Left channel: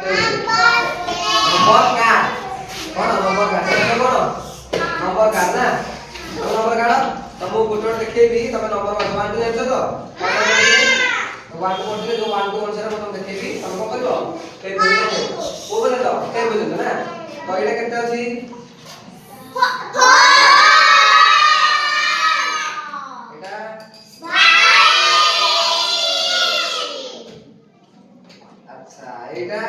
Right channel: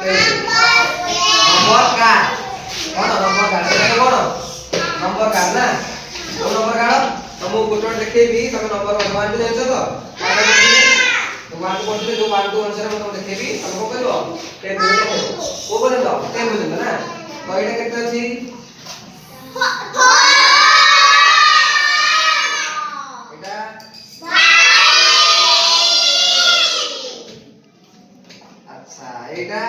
Nomor card. Kono nomor card. Ini kono. Nomor card na. Kamu nomor card. Kamu photo देखेबी तमे number 1 2 जानछो तो? तो 1 2 जो 1 2 अनुसार मैं तुम देखेबी तमे को करबो? ते बुझे को बोले तो? ते बुझे ना? कयटा केते अछि? एटा अच्छा एटा